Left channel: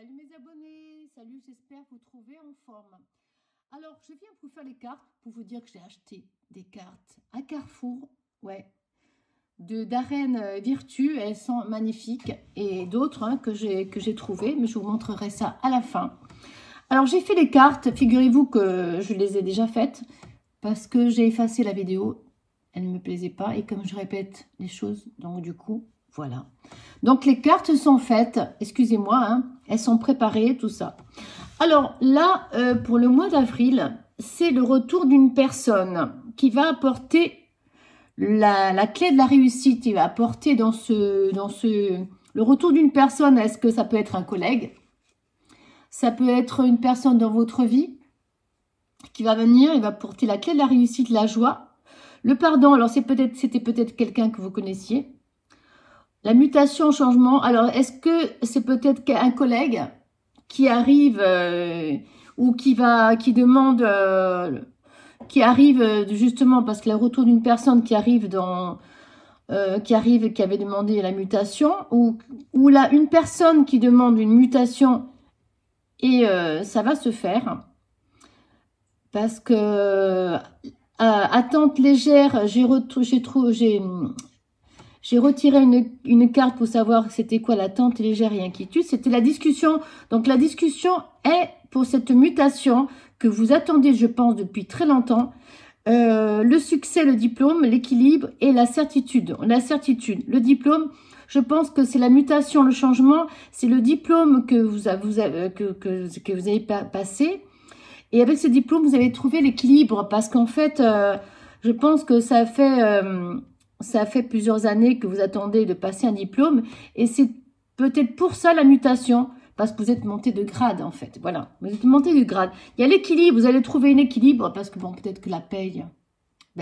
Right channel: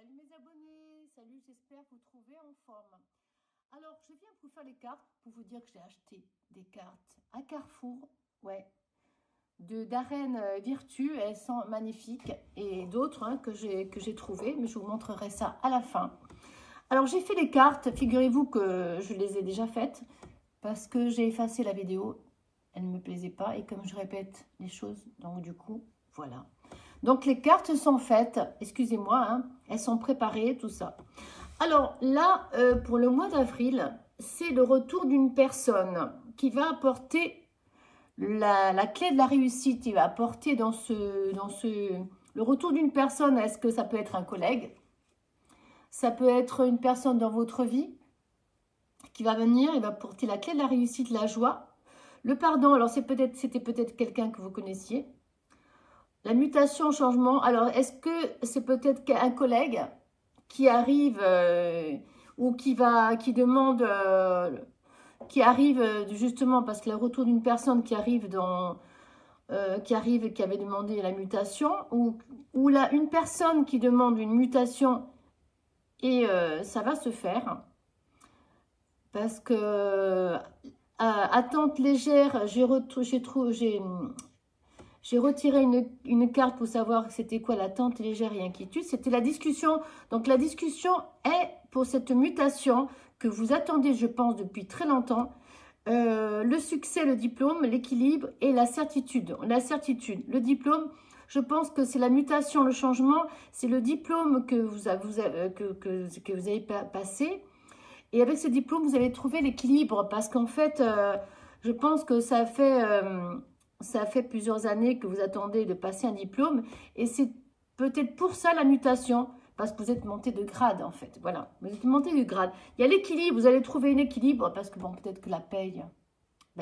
Salut mes abonnés, salut, j'espère vous trouver en forme. Alors, je viens vous faire les cartes pour vous dire que j'ai acheté des cartes à Carrefour, ouais, d'Arène Virtue, elles sont magnifiques, et d'autres que j'ai trouvées, mais je vous montrerai ça à la fin. Alors, j'ai fait les cartes, figurez-vous que je les ai déjà faites, parce que j'ai effacé la vidéo, elle ne me plaisait pas, et comme je répète les choses, donc du coup, voilà. Donc, les cartes sont faites, excusez-moi, hein, elles sont préparées, tout ça. Alors là, pour le mois d'avril, c'est le retour d'une personne qui va apporter la clé de la réussite. Il va apporter le retour d'une personne. Est-ce que ça peut être un collègue? Ça peut être une personne dans votre vie qui va venir, il va apporter la clé de la réussite, la joie, le pardon. Alors c'était peut-être quelqu'un que vous connaissiez. La mutation, changement. Alors, est-ce que c'est peut-être un collègue qui arrive ou qui demande, qui arrive justement parce que le retour d'une personne qui arrive qui avait demandé la mutation, ou là une personne qui demande une mutation et ça va se faire parce que attente légère, j'ai retiré une carte pour savoir c'était quoi l'attente légère et inquiétude. C'était la discussion. Donc, la discussion est pour cette mutation que vous attendez, je pense, depuis très longtemps. Le succès, le diplôme, l'équilibre et la certitude. La certitude, le diplôme, je pense que c'est la mutation, le changement. C'est le diplôme que vous avez passé. Et avec ce diplôme, vous avez trouvé l'équilibre. Parce qu'en fait, je pense que ça fait plusieurs années que vous attendez de passer un diplôme et c'est peut-être pour ça la mutation, parce que vous êtes monté de grade en fait. Voilà, vous êtes monté de grade. Il y a l'équilibre, vous allez trouver un équilibre parce que bon, peut-être que la paye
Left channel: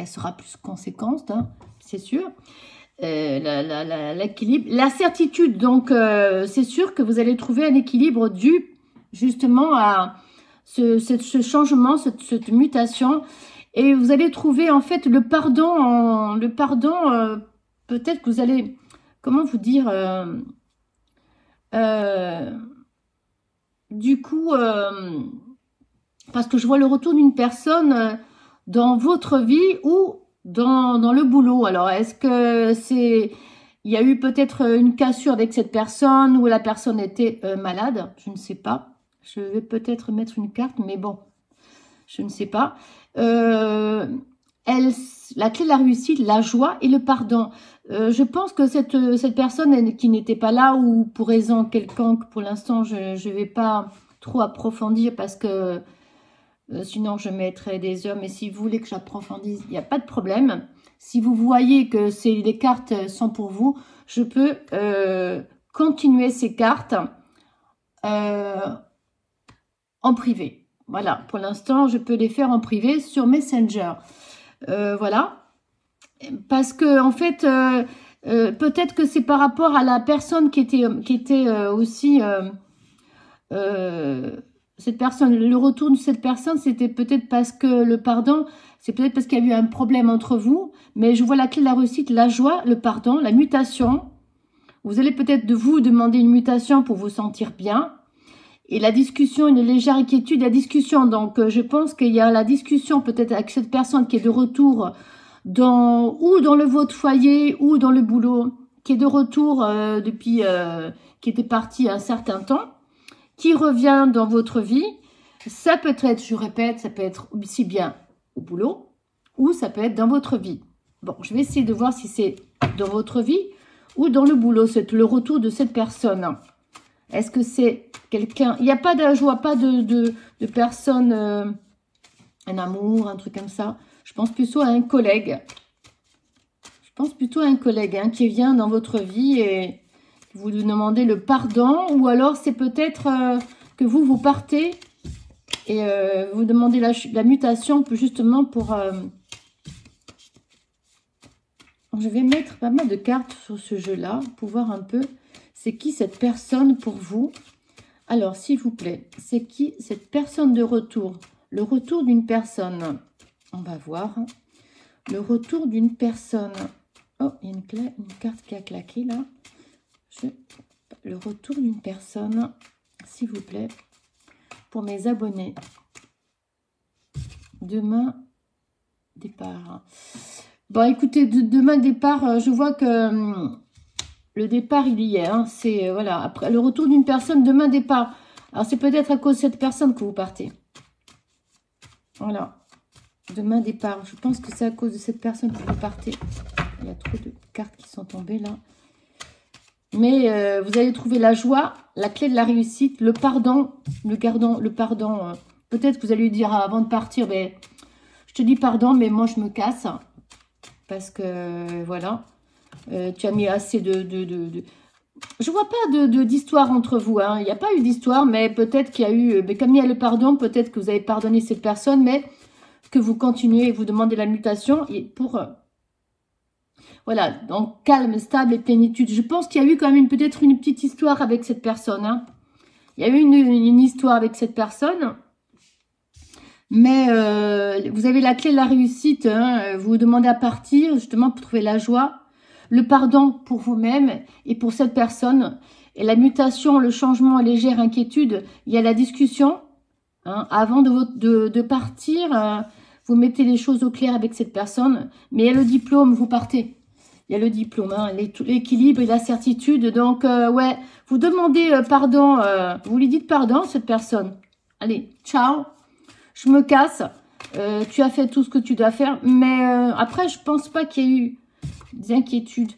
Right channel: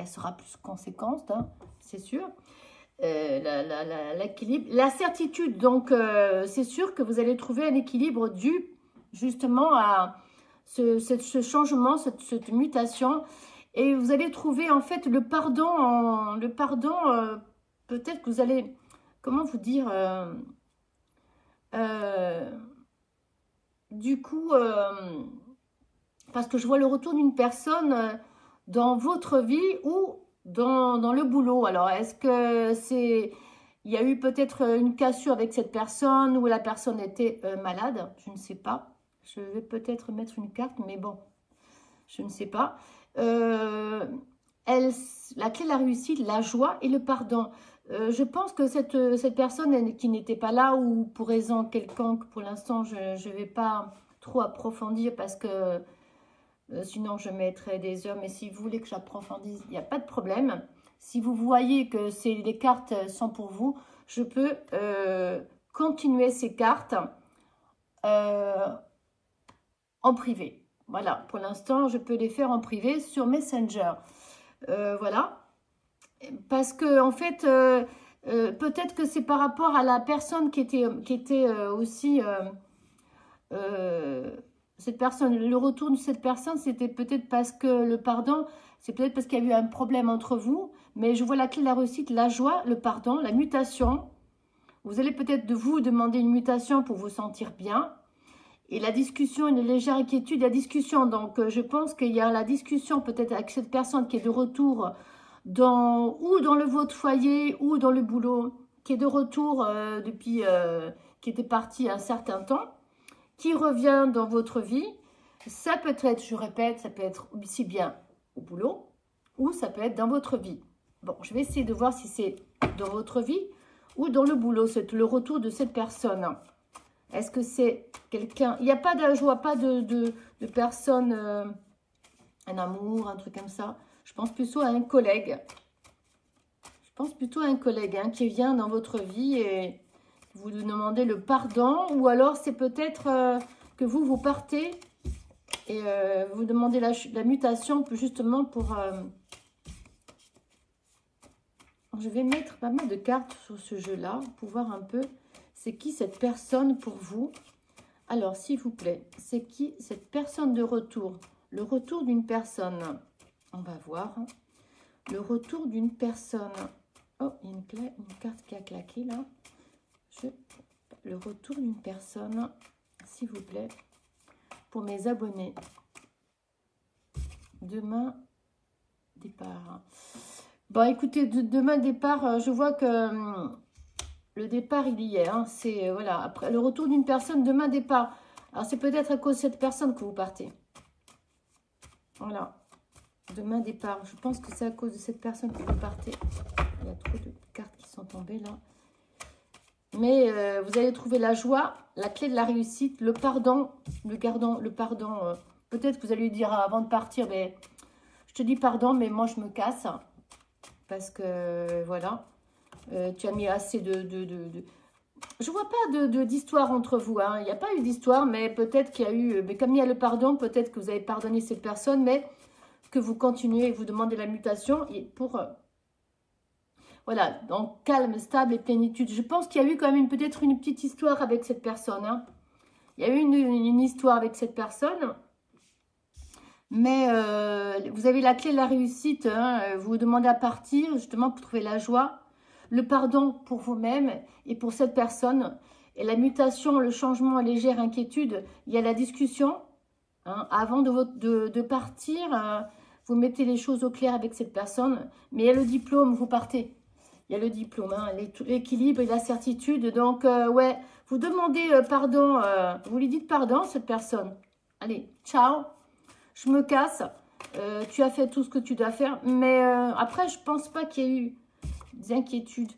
sera plus conséquente, hein, c'est sûr. L'équilibre, la certitude, donc c'est sûr que vous allez trouver un équilibre dû justement à ce changement, cette mutation. Et vous allez trouver en fait le pardon. Peut-être que vous allez, comment vous dire, du coup, parce que je vois le retour d'une personne dans votre vie ou dans le boulot. Alors, est-ce que il y a eu peut-être une cassure avec cette personne ou la personne était malade? Je ne sais pas. Je vais peut-être mettre une carte, mais bon, je ne sais pas. La clé de la réussite, la joie et le pardon. Je pense que cette personne qui n'était pas là ou pour raison quelconque, pour l'instant, je ne vais pas trop approfondir parce que sinon je mettrai des heures. Mais si vous voulez que j'approfondisse, il n'y a pas de problème. Si vous voyez que les cartes sont pour vous, je peux continuer ces cartes en privé. Voilà, pour l'instant, je peux les faire en privé sur Messenger. Voilà. Parce que, en fait, peut-être que c'est par rapport à la personne qui était aussi... cette personne, le retour de cette personne, c'était peut-être parce que le pardon, c'est peut-être parce qu'il y a eu un problème entre vous. Mais je vois la clé de la réussite, la joie, le pardon, la mutation. Vous allez peut-être de vous demander une mutation pour vous sentir bien. Et la discussion, une légère inquiétude, la discussion. Donc, je pense qu'il y a la discussion peut-être avec cette personne qui est de retour ou dans votre foyer ou dans le boulot, qui est de retour depuis, qui était parti un certain temps, qui revient dans votre vie. Ça peut être, je répète, ça peut être aussi bien au boulot ou ça peut être dans votre vie. Bon, je vais essayer de voir si c'est dans votre vie ou dans le boulot. C'est le retour de cette personne. Est-ce que c'est quelqu'un... Il n'y a pas de... Je vois pas de personne... un amour, un truc comme ça. Je pense plutôt à un collègue. Je pense plutôt à un collègue hein, qui vient dans votre vie et vous demandez le pardon. Ou alors c'est peut-être que vous partez et vous demandez la mutation justement pour... Je vais mettre pas mal de cartes sur ce jeu-là pour voir un peu c'est qui cette personne pour vous. Alors, s'il vous plaît, c'est qui cette personne de retour? Le retour d'une personne. On va voir. Le retour d'une personne. Oh, il y a une carte qui a claqué là. Le retour d'une personne. s'il vous plaît, pour mes abonnés. Demain, départ. Bon, écoutez, demain, départ, je vois que le départ, il y est. Hein, c'est, voilà, après le retour d'une personne, demain, départ. Alors, c'est peut-être à cause de cette personne que vous partez. Voilà. Demain, départ. Je pense que c'est à cause de cette personne que vous partez. Il y a trop de cartes qui sont tombées, là. Mais vous allez trouver la joie, la clé de la réussite, le pardon, le pardon. Peut-être que vous allez lui dire avant de partir, ben, je te dis pardon, mais moi je me casse. Parce que voilà, tu as mis assez de... Je vois pas d'histoire entre vous. Hein. Il n'y a pas eu d'histoire, mais peut-être qu'il y a eu... Mais comme il y a le pardon, peut-être que vous avez pardonné cette personne, mais que vous continuez et vous demandez la mutation pour... Voilà, donc calme, stable et plénitude. Je pense qu'il y a eu quand même peut-être une petite histoire avec cette personne. Hein. Il y a eu une histoire avec cette personne. Mais vous avez la clé de la réussite. Hein. Vous vous demandez à partir justement pour trouver la joie. Le pardon pour vous-même et pour cette personne. Et la mutation, le changement, légère inquiétude. Il y a la discussion. Hein. Avant de partir, vous mettez les choses au clair avec cette personne. Mais il y a le diplôme, vous partez. Il y a le diplôme, hein, l'équilibre et la certitude. Donc, ouais, vous demandez pardon, vous lui dites pardon, cette personne. Allez, ciao, je me casse. Tu as fait tout ce que tu dois faire. Mais après, je pense pas qu'il y ait eu des inquiétudes.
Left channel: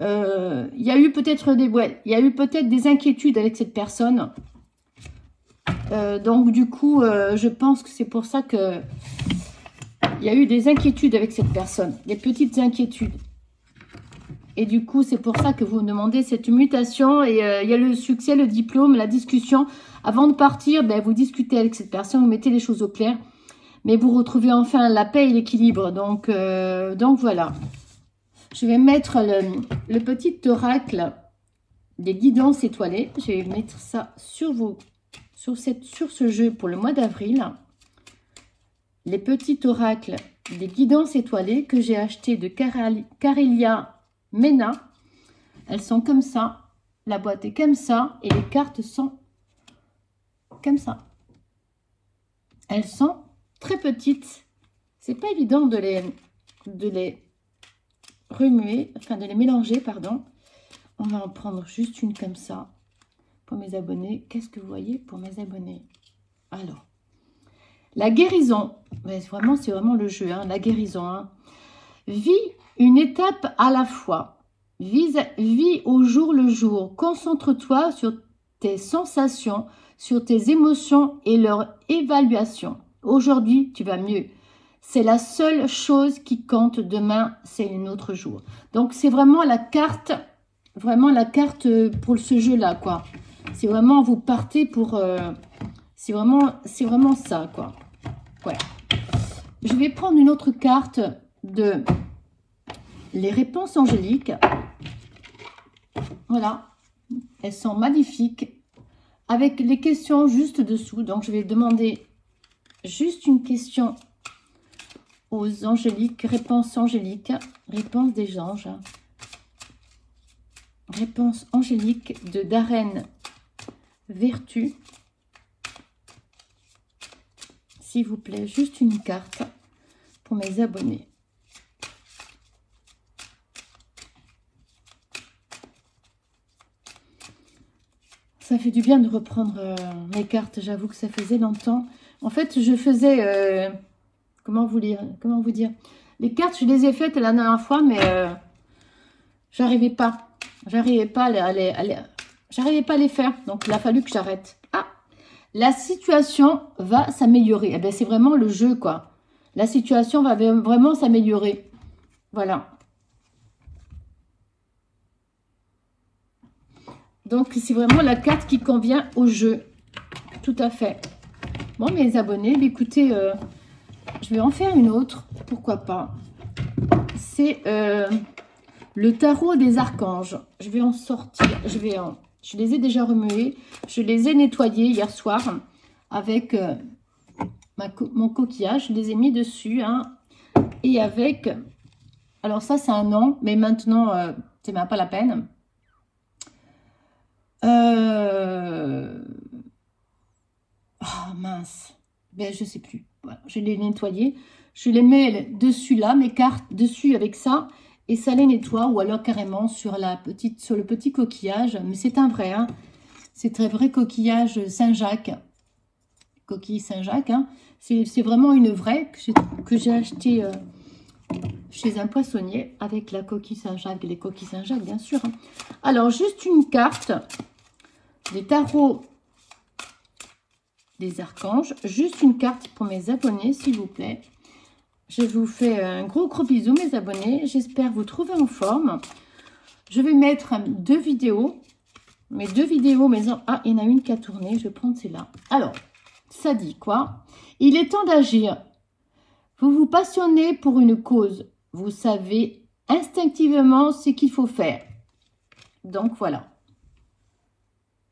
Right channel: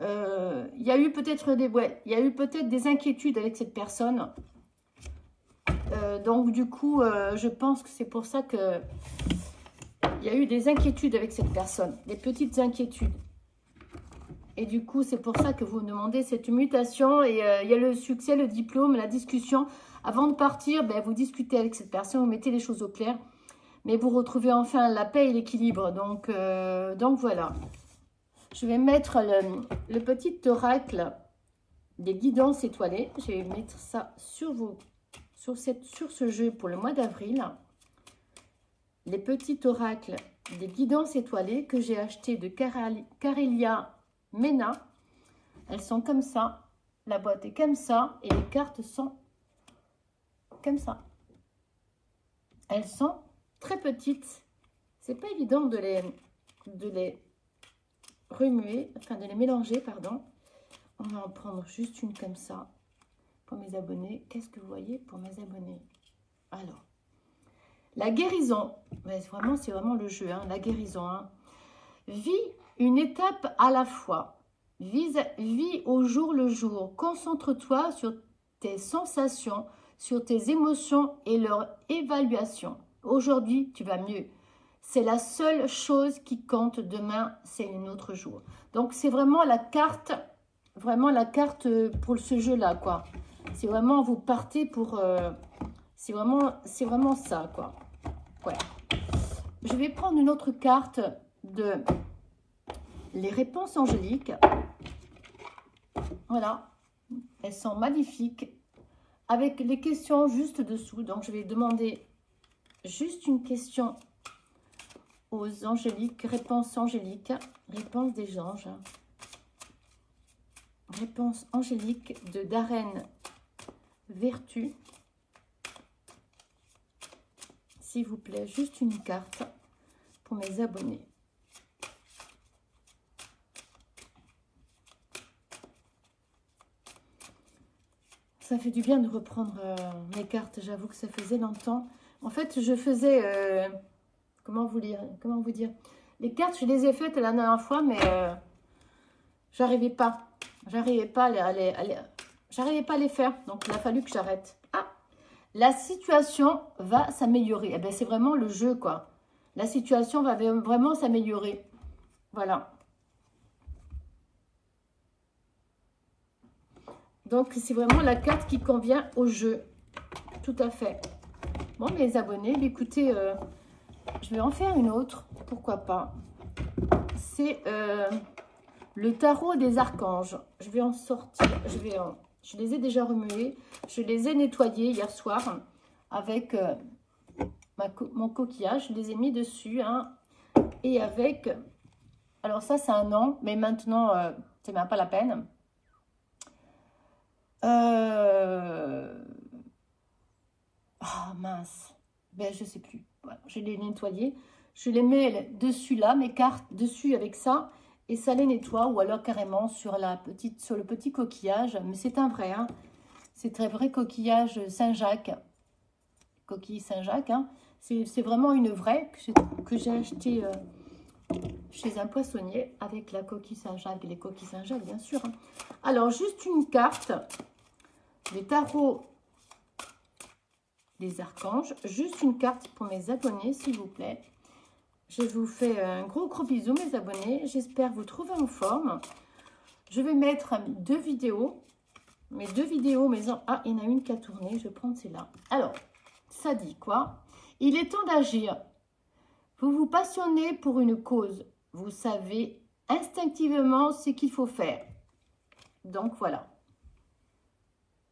Il y a eu peut-être des inquiétudes avec cette personne. Donc, du coup, je pense que c'est pour ça que il y a eu des inquiétudes avec cette personne. Des petites inquiétudes. Et du coup, c'est pour ça que vous demandez cette mutation. Et il y a le succès, le diplôme, la discussion. Avant de partir, ben, vous discutez avec cette personne, vous mettez les choses au clair. Mais vous retrouvez enfin la paix et l'équilibre. Donc voilà. Je vais mettre le petit oracle des guidances étoilées. Je vais mettre ça sur ce jeu pour le mois d'avril. Les petits oracles des guidances étoilées que j'ai acheté de Carélia Mena. Elles sont comme ça. La boîte est comme ça. Et les cartes sont comme ça. Elles sont très petites. C'est pas évident de les remuer, enfin de les mélanger, pardon. On va en prendre juste une comme ça pour mes abonnés. Qu'est-ce que vous voyez pour mes abonnés? Alors, la guérison. Mais vraiment, c'est vraiment le jeu, hein, la guérison. Hein. Vis une étape à la fois. Vis au jour le jour. Concentre-toi sur tes sensations, sur tes émotions et leur évaluation. Aujourd'hui, tu vas mieux. C'est la seule chose qui compte. Demain, c'est un autre jour. Donc, c'est vraiment la carte pour ce jeu-là, quoi. C'est vraiment, vous partez pour... c'est vraiment ça, quoi. Ouais. Je vais prendre une autre carte de les réponses angéliques. Voilà. Elles sont magnifiques. Avec les questions juste dessous. Donc, je vais demander juste une question aux angéliques. Réponse angélique. Réponse des anges. Réponse angélique de Darren Vertu. S'il vous plaît, juste une carte pour mes abonnés. Ça fait du bien de reprendre mes cartes. J'avoue que ça faisait longtemps. En fait, je faisais... comment vous dire? Les cartes, je les ai faites la dernière fois, mais j'arrivais pas. J'arrivais pas à les faire. Donc, il a fallu que j'arrête. Ah, la situation va s'améliorer. Eh bien, c'est vraiment le jeu, quoi. La situation va vraiment s'améliorer. Voilà. Donc, c'est vraiment la carte qui convient au jeu. Tout à fait. Bon, mes abonnés, écoutez, je vais en faire une autre. Pourquoi pas. C'est le tarot des archanges. Je vais en sortir. Je les ai déjà remués. Je les ai nettoyés hier soir avec mon coquillage. Je les ai mis dessus. Hein, et avec... Alors, ça, c'est un nom. Mais maintenant, c'est même pas la peine. mince. Ben, je sais plus. Voilà, je les nettoyé. Je les mets dessus là, mes cartes dessus avec ça. Et ça les nettoie. Ou alors carrément sur le petit coquillage. Mais c'est un vrai. Hein. C'est un vrai coquillage Saint-Jacques. Coquille Saint-Jacques. Hein. C'est vraiment une vraie que j'ai achetée chez un poissonnier avec la coquille Saint-Jacques. Les coquilles Saint-Jacques, bien sûr. Hein. Alors, juste une carte des tarots des archanges. Juste une carte pour mes abonnés, s'il vous plaît. Je vous fais un gros bisou, mes abonnés. J'espère vous trouver en forme. Je vais mettre 2 vidéos. Mes 2 vidéos, ah, il y en a une qui a tourné. Je vais prendre celle-là. Alors, ça dit quoi? Il est temps d'agir. Vous vous passionnez pour une cause. Vous savez instinctivement ce qu'il faut faire. Donc, voilà.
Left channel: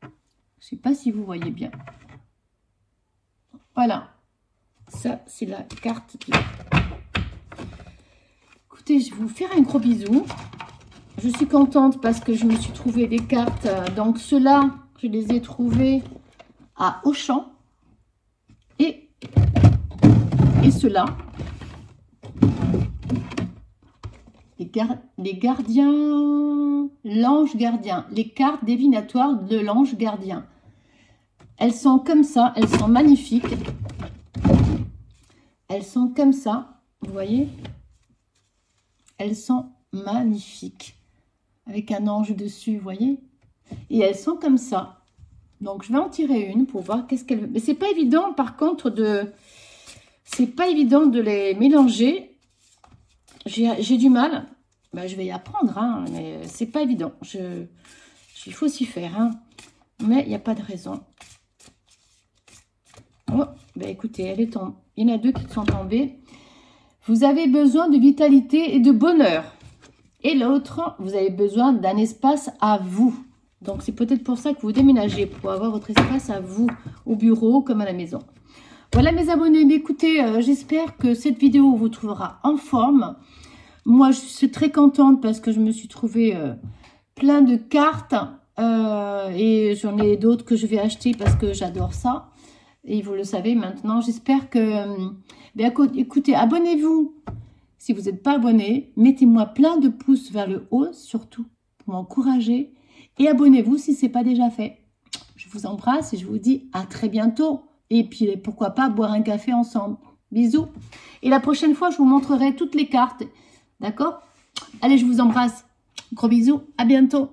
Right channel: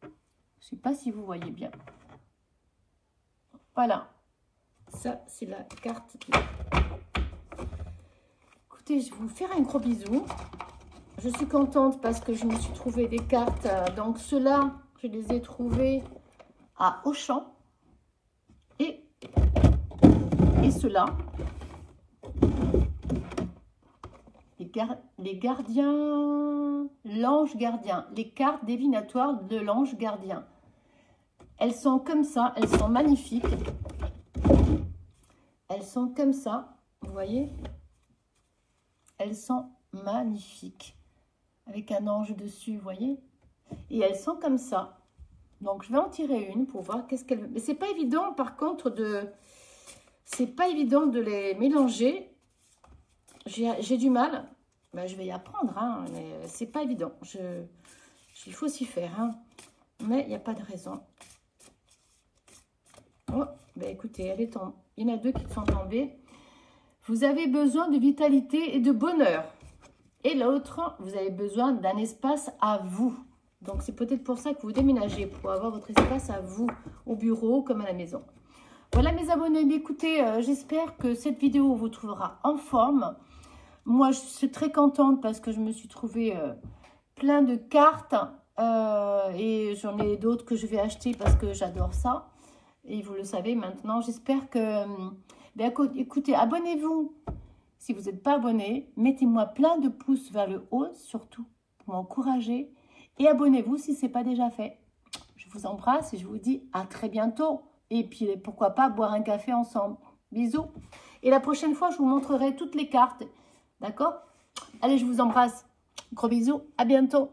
Je ne sais pas si vous voyez bien. Voilà. Ça, c'est la carte. Écoutez, je vais vous faire un gros bisou. Je suis contente parce que je me suis trouvé des cartes. Donc, ceux-là, je les ai trouvés à Auchan. Et ceux-là. Les gardiens, l'ange gardien, les cartes divinatoires de l'ange gardien. Elles sont comme ça, elles sont magnifiques. Elles sont comme ça, vous voyez? Elles sont magnifiques. Avec un ange dessus, vous voyez? Et elles sont comme ça. Donc, je vais en tirer une pour voir qu'est-ce qu'elle... Mais c'est pas évident, par contre, c'est pas évident de les mélanger. J'ai du mal. Ben, je vais y apprendre, hein, mais c'est pas évident. Il faut s'y faire, hein. Mais il n'y a pas de raison. Oh, ben écoutez, elle est tombée. Il y en a 2 qui sont tombées. Vous avez besoin de vitalité et de bonheur. Et l'autre, vous avez besoin d'un espace à vous. Donc, c'est peut-être pour ça que vous déménagez, pour avoir votre espace à vous, au bureau comme à la maison. Voilà mes abonnés. Mais écoutez, j'espère que cette vidéo vous trouvera en forme. Moi, je suis très contente parce que je me suis trouvé plein de cartes. Et j'en ai d'autres que je vais acheter parce que j'adore ça. Et vous le savez maintenant. J'espère que... Ben, écoutez, abonnez-vous. Si vous n'êtes pas abonné, mettez-moi plein de pouces vers le haut, surtout pour m'encourager. Et abonnez-vous si ce n'est pas déjà fait. Je vous embrasse et je vous dis à très bientôt. Et puis, pourquoi pas boire un café ensemble. Bisous. Et la prochaine fois, je vous montrerai toutes les cartes. D'accord? Allez, je vous embrasse. Gros bisous. À bientôt.